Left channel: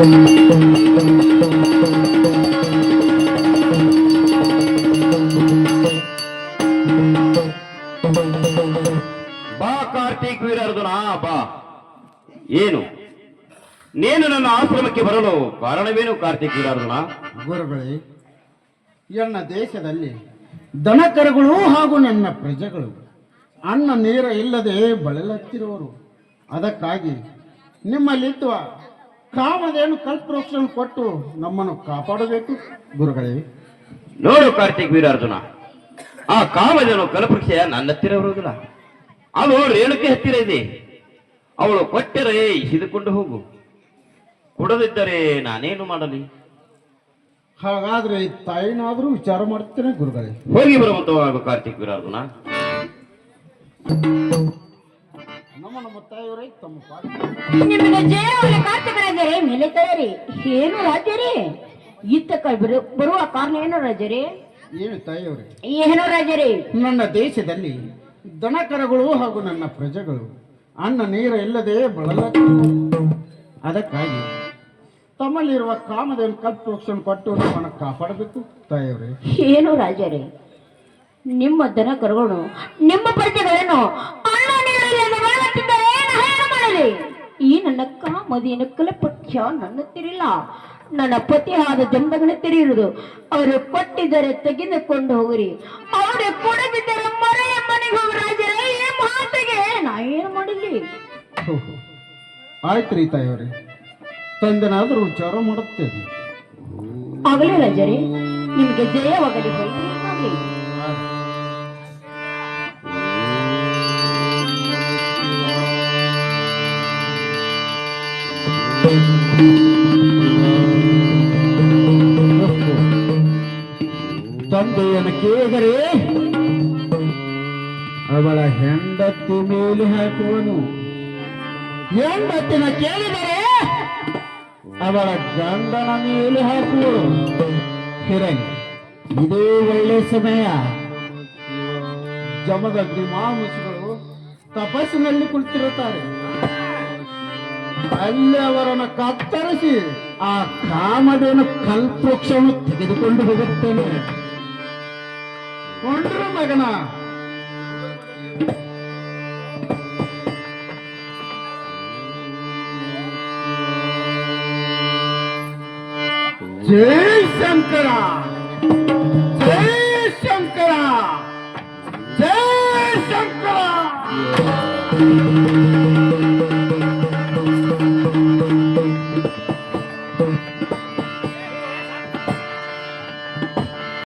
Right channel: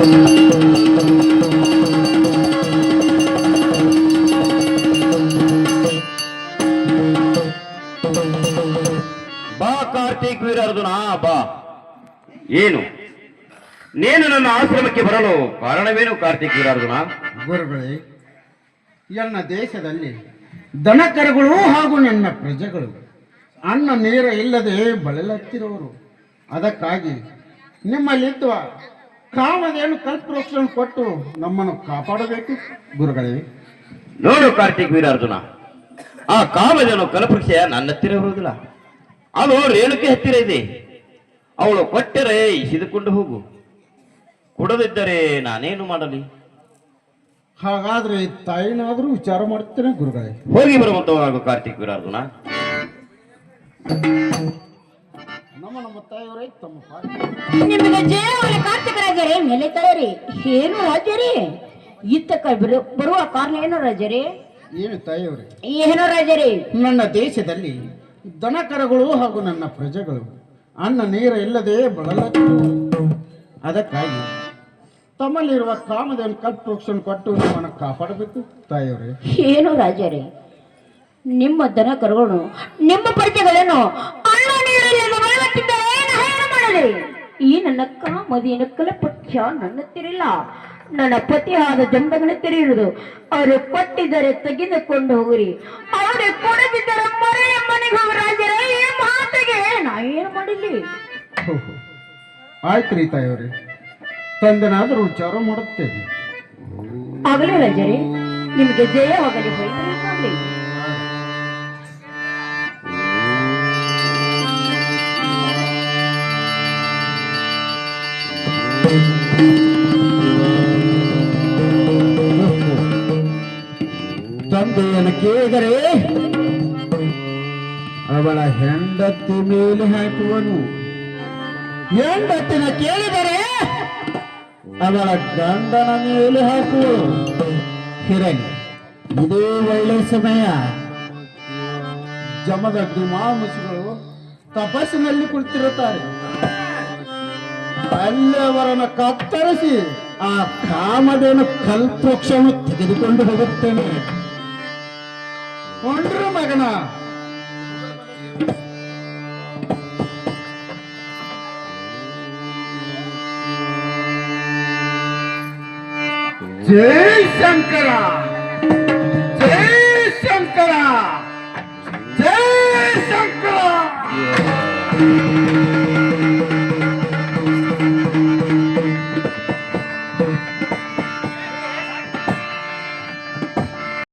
ಬಾ ಕಾರ್ತಿಕ್ ವೀರಾರ್ಜುನ, ಬಾ. ಏನು? ನೀನು ನನ್ನ ಆಶ್ರಮಕ್ಕೆ ಬರಲು ಕಾರಣವೇನು ಕಾರ್ತಿಕ್ ವೀರಾರ್ಜುನ? ಗುರುಗಳೇ ನನ್ನ ದೇಶದಲ್ಲಿ ದನಕರುಗಳು ಹಾಗೂ ನನ್ನ ಪ್ರಜೆಗಳು ಅನ್ನ ನೀರ ಇಲ್ಲದೆ ಬಳಲತ್ತಿರುವರು. ಅದಕ್ಕಾಗಿ ನಿಮ್ಮಲ್ಲಿದ್ದ ಕಾಮಧೇನು ಕಲ್ಪವೃಕ್ಷವನ್ನು ಕೊಟ್ಟು ನಮ್ಮನ್ನು ಕಾಪಾಡಬೇಕು. ಗುರುಗಳೇ. ನೋಡು ಕಾರ್ತಿಕ್ ವೀರಾರ್ಜುನ. ಆ ಕಾಮಜನು ಕಲ್ಪೃಕ್ಷ ನನ್ನ ಹತ್ತಿರ ಬರುವುದಿಲ್ಲ ಅದು ರೇಣುಕೆ ಹತ್ತಿರ ಇದೆ. ಅವಳು ಕೊಟ್ಟರೆ ಇಸಿದುಕೊಂಡು ಹೋಗು. ಕೊಡದಿದ್ದರೆ ನಾನೇನು ಮಾಡಲಿ? ಹಾಗಾದ್ರೆ ತಾಯಿನಾದರೂ ವಿಚಾರ ಮಾಡುತ್ತೇನೆ ಗುರುಗಳೇ. ಹೋಗಿ ಬರುವಂತವನಾಗು ಕಾರ್ತಿಕ್ ವೀರಾರ್ಜುನ. ನಮ್ಮ ನಮ್ಮ ತಾಯಿಯವರೇ ತಮ್ಮ ಕಾರ್ತಿಕ ರಾಜರೇ ಮೇಲೆ ತಯಾರಿ ಏನು ರಾಜರೇ? ಇತ್ತ ಬರು- ಬರುವ ಕಾರಣ ಏನು ರಾಜರೇ? ಏನು ತಾಯಿಯವರೇ? ಏನು ರಾಜರೇ? ನನ್ನ ದೇಶದಲ್ಲಿ ದನಕರಗಳು ಹಾಗೂ ನನ್ನ ಪ್ರಜೆಗಳು ಅನ್ನ ನೀರ ಇಲ್ಲದೆ ಬಳಲ ಅದಕ್ಕಾಗಿ ತಮ್ಮಲ್ಲಿರುವ ಕಾಮದ ಕಲ್ಪವೃಕ್ಷವನ್ನು ಕೊಟ್ಟು ನಮ್ಮನ್ನು ಕಾಪಾಡಬೇಕು ತಾಯಿಯವರೇ. ಏನು ರಾಜರೇ? ನಿಮ್ಮ ದನ ಕರುಗಳು ನಿಮ್ಮ ಪ್ರಜೆಗಳನ್ನು ನನ್ನ ಪಕ್ಷ ನನ್ನ ತಿರಿಲ್ಲ ನನ್ನ ಪತಿಯಾದ ಜಂಬಗಳ ತೆರೆಯುವುದು. ಅವರು ಕೊಟ್ಟಿದ್ದರೆ ತೆಗೆದುಕೊಂಡು ಹೋಗಿರಿ. ಅವರು ಕೊಡದಿದ್ದರೆ ಮರೆಯ ಮನೆಗೆ ಹೋಗಿ ರಾಜರೇ ಈ ಮಾತಿಗೆ ನಾ ಏನು ಮಾಡಲಿ. ಆಯ್ತು ರೀ ತಾಯಿಯವರೇ. ತಂದನಾದರೂ ವಿಚಾರ ಮಾಡುತ್ತೇನೆ. ಆಗಲಿ ರಾಜರೇ ನಿಮಗೆ ಜಯವಾಗಲಿ ಹೋಗಿ ತಂದೆಯನ್ನು ಕೇಳಿದರೆ ಅವಳ ಹೆಂಡತಿ ಮೇಲೆ ಹಾಕುವನು. ಹೆಂಡತಿನ ಕೇಳಿದರೆ ಅವಳ ಗಂಡನ ಮೇಲೆ ಹಾಕುವನು. ಹಿರಣಿ ಇದೇ ಒಳ್ಳೆ ಸಮಯ. ಜಮದ ದಿಮಾಮುಸುಗಳು ತಪಸ್ಸಿನಲ್ಲಿ ಕುಳಿತಿರುತ್ತಾರೆ. ಅಲ್ಲಿ ಅವರನ್ನು ಕತ್ತರಿಸಿ ಆ ಕಾಮದೇನು ಕಲ್ಪವೃಕ್ಷವನ್ನು ತೆಗೆದುಕೊಂಡು ಹೋಗುತ್ತೇನೆ ಕೊಂಡ್ರು ಮಗನ ಜೈ ಶಂಕರ ಜೈ ಶಂಕರ ಜೈ ಶಂಕರ